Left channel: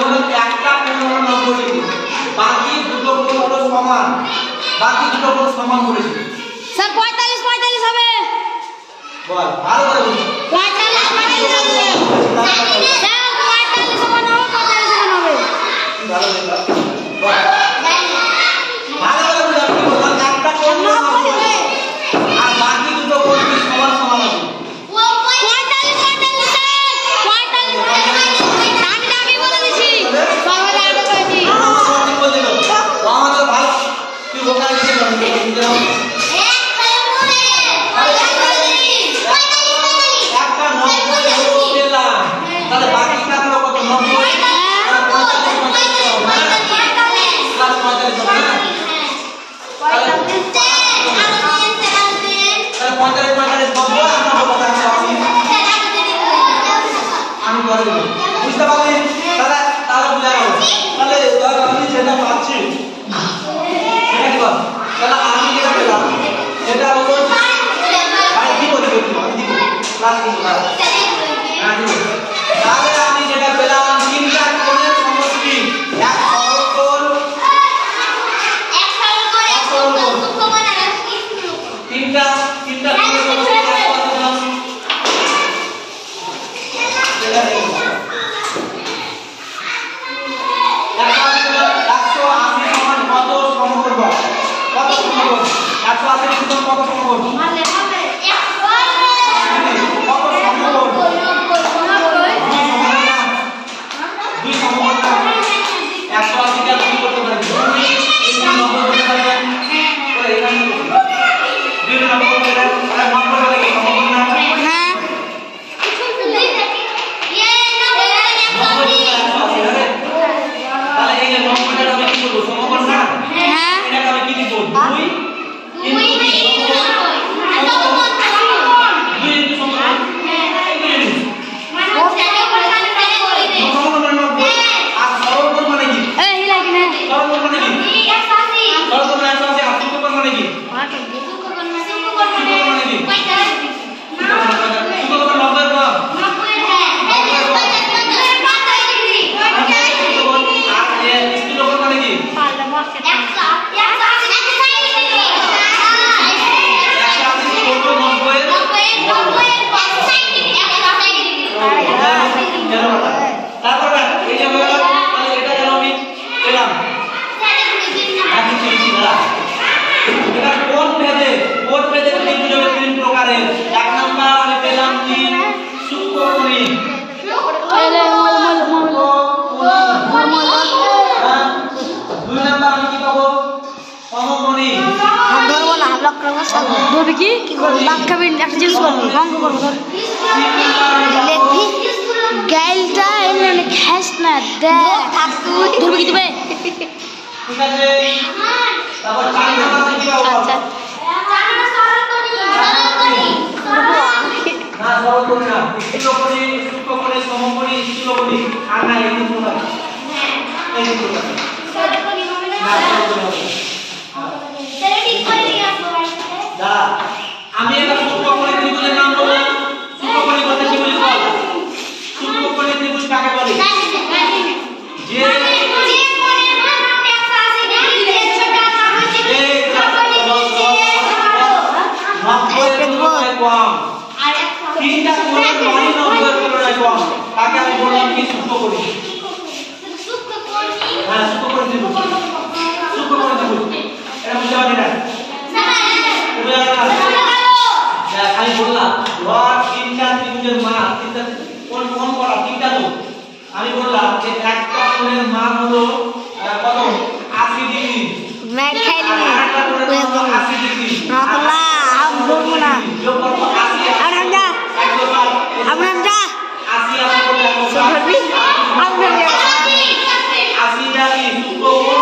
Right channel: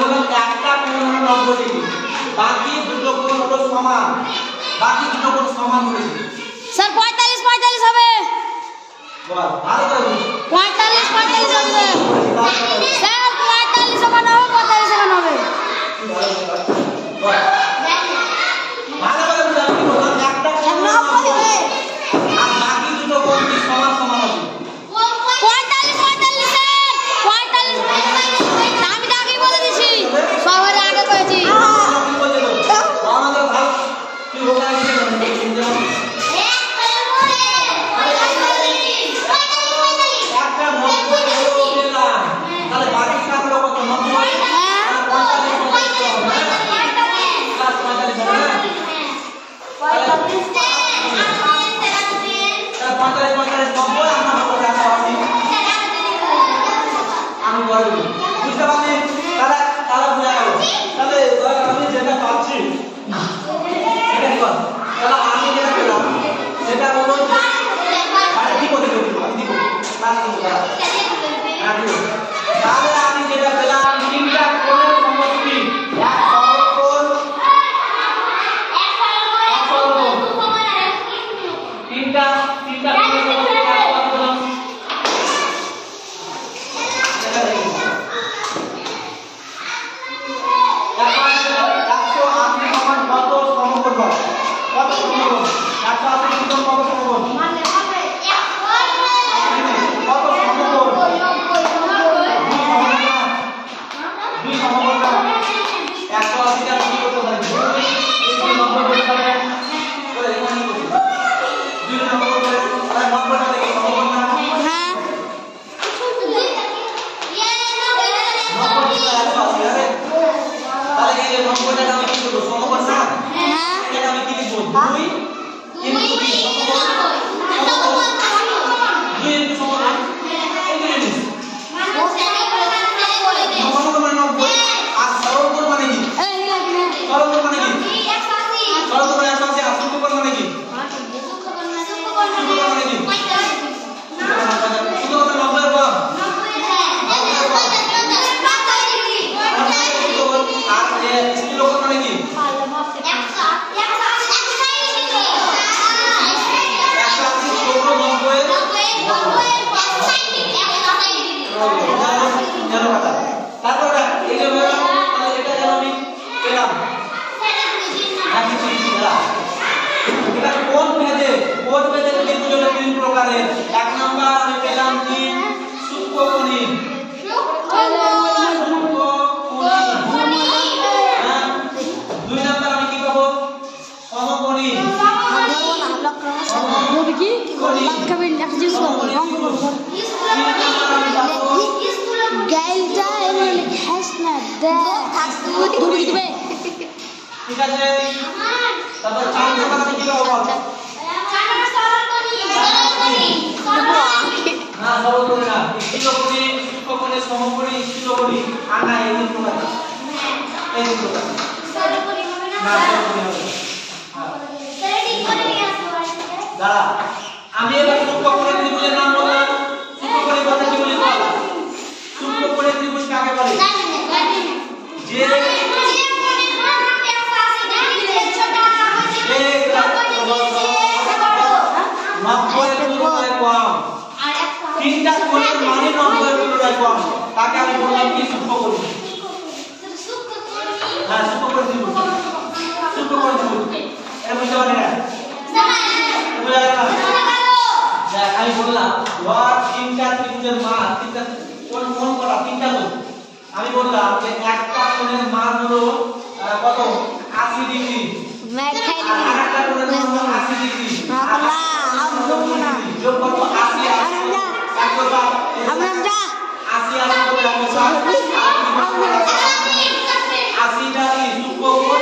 বললাম একটা কোণ হলো 90 ডিগ্রি, বাকি দুটো কোণ হলো সমান, বাকি দুটো কোণ সমান বলেছি স্যার 45 45 হবে। বল ভালো করে বল। 45 45 হবে স্যার, 45 সমান হবে, 45 সমান হবে। ভালো করে বল, ভালো করে বল। আমি বললাম একটা কোণ হলো 90 আর বাকি দুটো কোণ কি সমান সমান হবে। 45 45 স্যার 45 দামি বলে দিছি, সবাই আগে কইছি। আমাদের ভালো তুই বোকা দিছিস না একটা 90 হলো পেলাম, তাহলে বাকি থাকলো কত 90 আর 45 হবে না, প্লাস 45 হবে না, 45 90 আমরা কথা বলছি আমি করে দেব, বুঝতে পারলি? তাহলে তাহলে বুঝা গেল। তাহলে ধর আমি যেটা পাচ্ছি সেটা কি বল, তাহলে আমি যেটা পেলাম সেটা হলো ভাই দিব আমি দিব প্লাস দিব, হ্যাঁ দিব। তাহলে আমি যেটা পেলাম তিনটা কোণের সমষ্টি, এক সরল কোণ, তিনটা কোণের সমষ্টি আমি এবার সূক্ষ্মকোণের ত্রিভুজের নাম বললাম। সূক্ষ্মকোণের কথা কি বলি বল? সূক্ষ্মকোণের ত্রিভুজ কাকে বলে? যে তিনটা কোণের মানই 90 এর তুলনায় কম, তাকে আমি বললাম কি সূক্ষ্মকোণ। হ্যাঁ সূক্ষ্মকোণের ত্রিভুজ, সূক্ষ্মকোণের ত্রিভুজ এটা বুঝতে পারলি না? আমি বললাম ধর তিনটা ত্রিভুজের মান, তিনটা কোণ কোণ করা তিনটা তো আমি বললাম যে একটা কোণের মান হলো কত 80 ডিগ্রি, मैं खाई ली 80 ডিগ্রি नकला हम बोलबो ना যোগ করব 80 अब हम जा 80 80 টা কি সূক্ষ্মকোণ,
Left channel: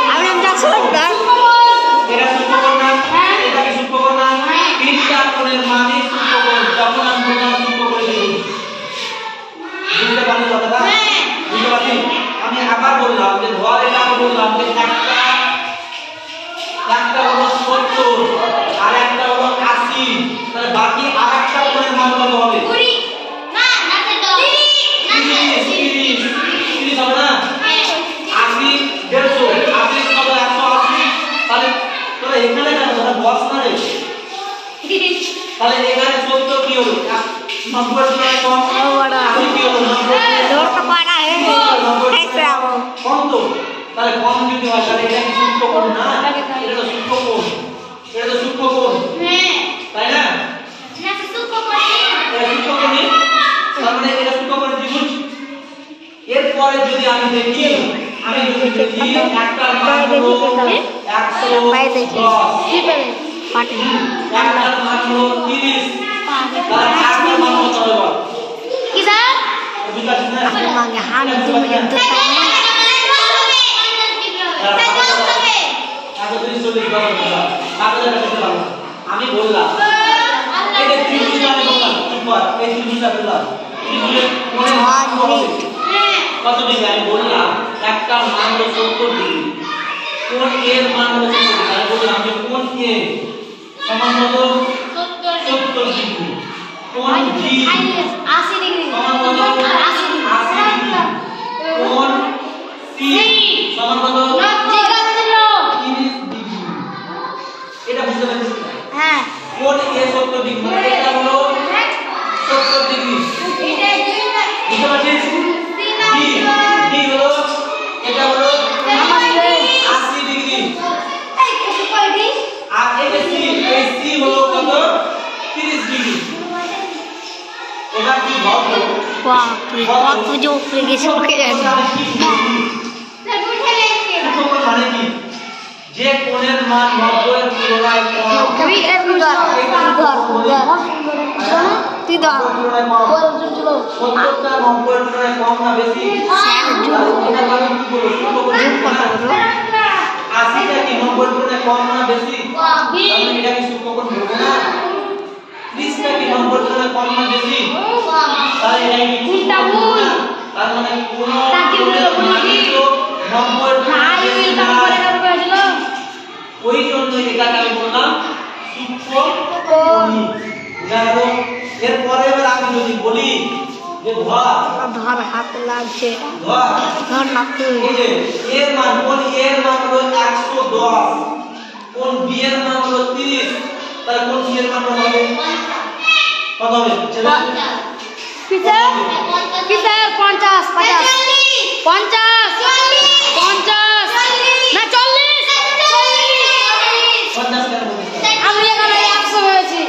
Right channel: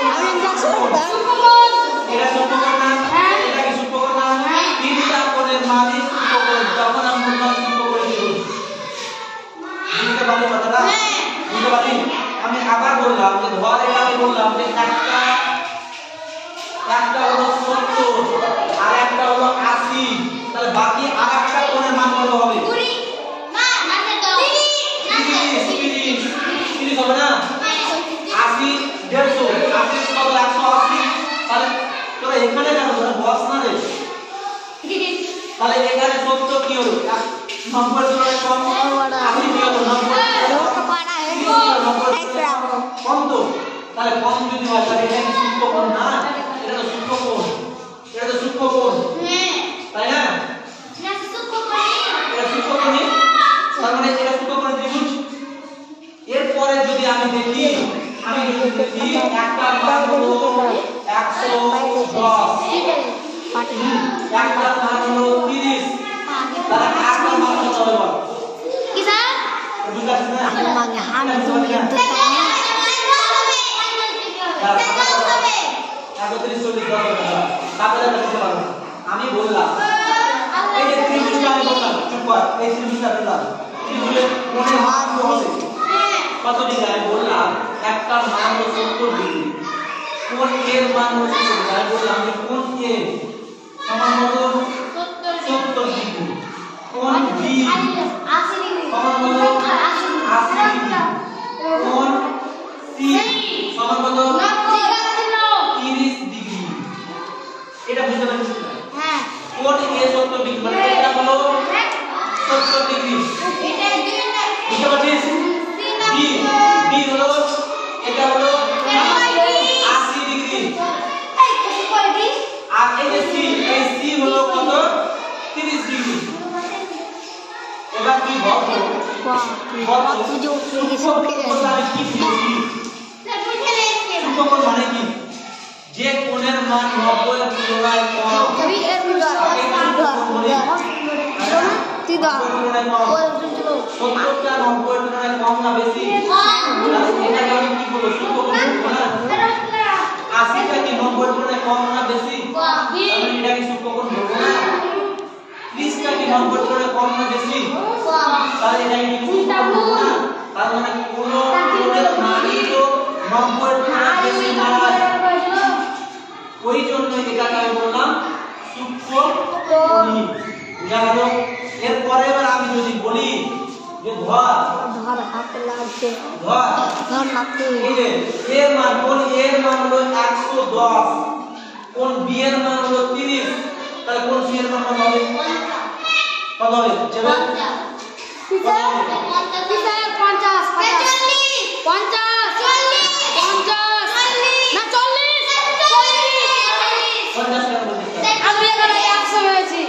এটা সূক্ষ্মকোণ না, এটা কি সূক্ষ্মকোণ না? তিনটা কোণের মানই সূক্ষ্মকোণ, যখন আমি বললাম সূক্ষ্মকোণের ত্রিভুজ। বুঝতে পারলে কথাটা? বুঝতে পারলি? আমি আবার বললাম যে ধর এটা আমি বললাম যে একটা হলো 70 আর একটা হলো 80, তাহলে বাকি আরেকটা কোণের মান কত হবে? 30 হবে না? আছে তাহলে এখানে সত্য কি হলো 90 এর তুলনায় কম আমি কি হলো 90 কম তো তাহলে কম যদি হয় তাহলে এটা কি সূক্ষ্ম কোণ না এটা তো সূক্ষ্ম কোণ তাই না এটা সূক্ষ্ম কোণ তার মানে এটা সূক্ষ্ম কোণ ত্রিভুজ এরপরে যদি আমি দেখি একটার মান হলো 110 একটার মান হলো 30 তাহলে একটার মান কত হবে বল কি স্যার বুঝতে পারছিস না আপনি মাঙ্গে হাম 2 মিনিট দূর তক না 31 40 আমি বললাম এই যে ত্রিভুজটা আমি বললাম চুপ কর এই ত্রিভুজটা বললাম ত্রিভুজের কোণের মান কত ডিগ্রি আমি বললাম একটার মান হলো 70 ডিগ্রি কোণ এর মান হলো 70 ডিগ্রি আমি বললাম যে কোণ এ সমান কত 70 ডিগ্রি কোণ বি 80 ডিগ্রি সমান কত 80 ডিগ্রি কোণ সি সমান কত 30 ডিগ্রি এটা বুঝতে পারছিস হ্যাঁ কোণ এ 70 ডিগ্রি মানে এটা হলো 70 ডিগ্রি বুঝতে পারছিস বি বি হলো এটা হলো 80 ডিগ্রি আর এই যে সি হলো কত 30 ডিগ্রি এটা কি ভাব বাপ রে কত যে উপরে গেছে ওকে জানি সূক্ষ্ম মানে কি যে কোণের মান 90 এর তুলনায় কম কবি এর ঘর তুই ধর পরে চলো 70টা 90 এর তুলনায় কম না বেশি এটা আমি কি বলবো সূক্ষ্ম কোণ 80টা কি 90 এর তুলনায় কম না বেশি তাহলে এটা কি সূক্ষ্ম কোণ বলবো না 30টা কি 90 এর তুলনায় কম না বেশি তাহলে এটা কি সূক্ষ্ম কোণ বলবো না তার মানে কোন কোণের মান তো 90 এর তুলনায় বেশি না ওই জন্য এটাকে আমি বললাম সূক্ষ্ম কোণ বুঝা গেল এরপরে এবার আমি যদি বলি যে ধর হাতে লাগছে ধর ধর না তুই এই যে এর মান কোণ এর মান হলো 110 কোণ বি এর মান হলো 30 তাহলে কোণ সি এর মান কত হবে চলো পিছে 50 না 40 50 কেন বলছিস আমি এখানে 100 হয়েছি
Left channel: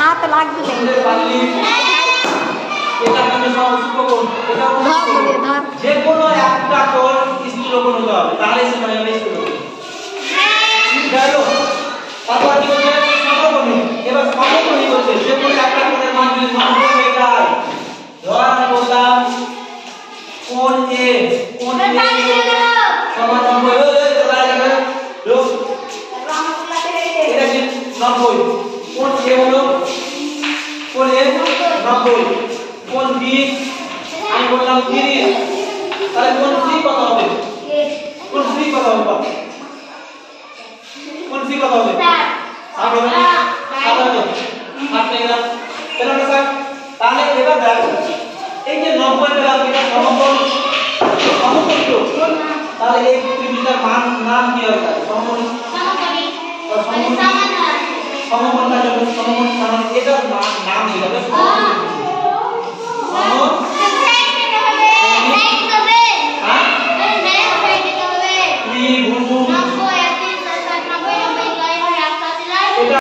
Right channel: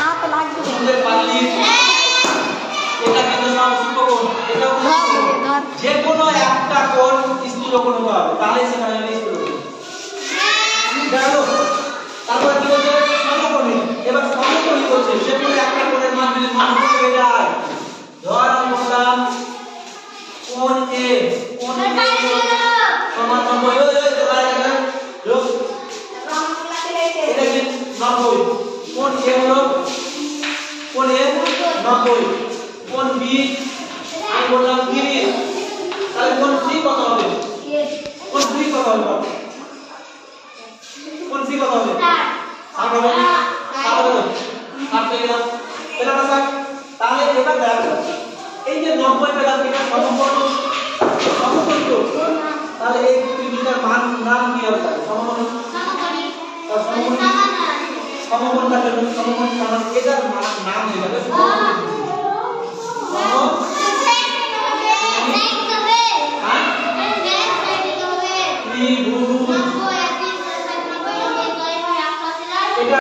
হাত লাগবে যে কোনো একটা কোণ স্থূল কোণ হতে হবে তাহলে সেখানে স্থূল কোণ গেল তারপর কি বলছে সমকোণী এবার সমকোণী বলছে যে কোনো একটা কোণের মান যদি সমকোণ হয়ে যায় ধর আমি বললাম কোণ এ সমান 90 তো বাইরে গেল লোক এটা কি 90 কোণ এ হলো কোণ এ 90 কোণ বি আমি বললাম 30 তাহলে কোণ সি কত হবে কোণ সি কত হবে কোণ সি কত হবে 60 হবে 60 হবে 60 পেয়ে গেলাম পেলাম না স্যার তাহলে এবার দেখ এই যে 90 পেলাম এটা সমকোণ তো তাহলে এই ত্রিভুজের নাম কি হবে সমকোণী সমকোণ কার জন্য সমকোণ কারণ এটার নাম হয়ে যাবে সমকোণ